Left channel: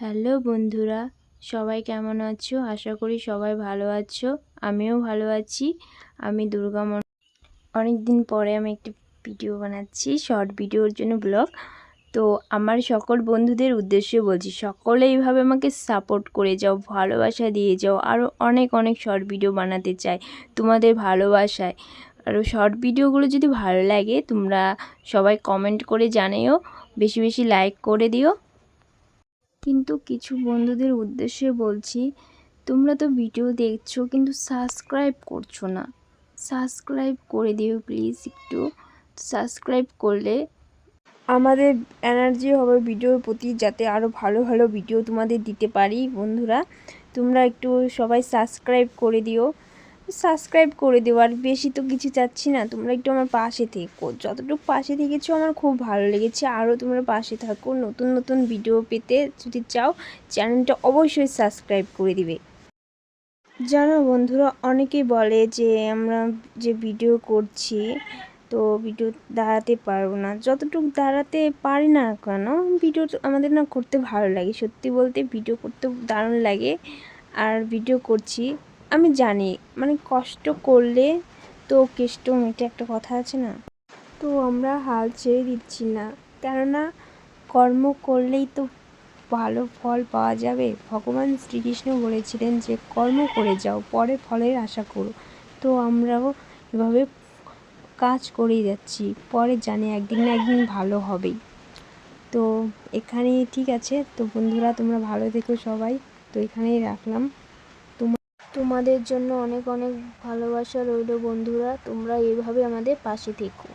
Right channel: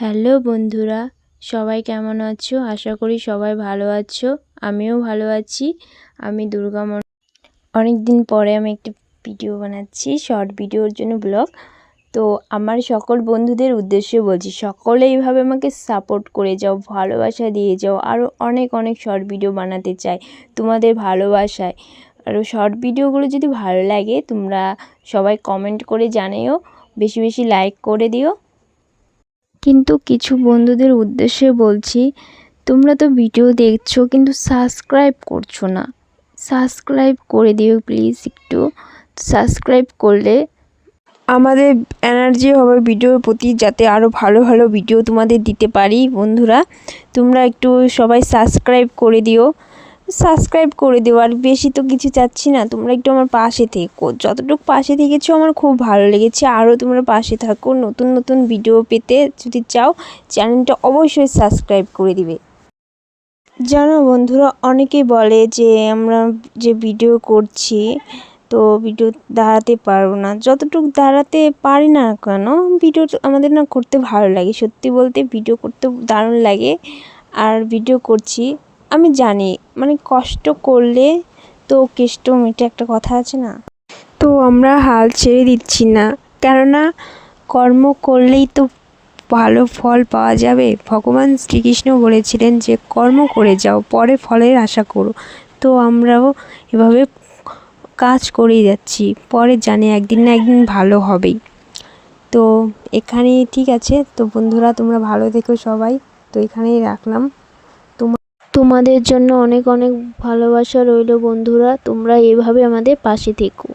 Hello বন্ধুরা, সবাই কেমন আছো? আশা করি সবাই ভালো আছো, আমিও ভালো আছি। আমি দুর্গা অনেক দিন পরে আমি একটি ভিডিও বানাচ্ছি, শর্ট ভিডিওর জন্য ব্লগ। তো আমার সকল বন্ধুদের উদ্দেশ্যে বলছি, সকলে এইভাবে আমাকে সাপোর্ট করে যাও, ভালোবাসা দিয়ে যাও আরও অনেক অনেক শর্ট ভিডিও বানাতে চাই তোমাদের ভালোবাসায়। আরও শর্ট ভিডিওগুলো যদি ভালো লাগে তোমরা সবাই কমেন্ট করে জানিও, বেশি বেশি লাইক করে দিও। কিন্তু কিছু বন্ধুদের উদ্দেশ্যে বলছি, তোমরা তো ভিডিও দেখছ কিন্তু সাবস্ক্রাইব করছ না। সাবস্ক্রাইব করে দিও প্লিজ একটু। সাবস্ক্রাইব করলে আমাদের এনার্জি হবে ভিডিওর প্রতি, যাতে আরও ভালো ভালো ভিডিও তোমাদের দিতে পারি বন্ধুরা। তোমরা একটু সবাই সাবস্ক্রাইব করে দিও। সাবস্ক্রাইব করে দিও, আর বেশি তো কিছু চাচ্ছি না। তোমরা একটু আমার পাশে থেকো। যতটুকু পাশে থেকেছো, আমার খুব ভালো লেগেছে। আরও তোমরা পাশে থাকো। নতুন নতুন ভিডিও পেতে যদি চাও, চ্যানেলটা অবশ্যই সাবস্ক্রাইব করে দিবে। জানো বন্ধুরা, অনেকেই বলে যে, আমরা যে ভিডিও করছি, তো ভিডিও দাঁড়াতে পারব না। যতটুকু দাঁড়াতে পারি না কেন ভিডিও আমাদের না করতে ভালো লাগে। সত্যি বলতে ভিডিও করতে দারুণ লাগে। আর ভিডিও করছি আমি জানি মানে কষ্ট করলে তো কেষ্ট মেটে একটা কথা আছে না? তো আমরা হাল ছেড়ে দিচ্ছি না, কেননা কর্ম করলেই তো ভালো ফল পাওয়া যাবে। ভগবান শ্রীকৃষ্ণ বলেছিলেন যে, কর্ম করে যাও, পরে ফলের আশা করো। তো আমরাও এভাবে কাজ করেই যাচ্ছি, পরে জানি একদিন না একদিন ভালো হবেই। তো এখানেই ঠিক আছে। তো বন্ধুরা, তোমরা ভালো থেকো সবাই। তো এখানেই রাখলাম। তোমাদের জন্য অনেক অনেক ভালোবাসা রইল বন্ধুরা তোমরা এভাবে আমাদের পাশে থেকো।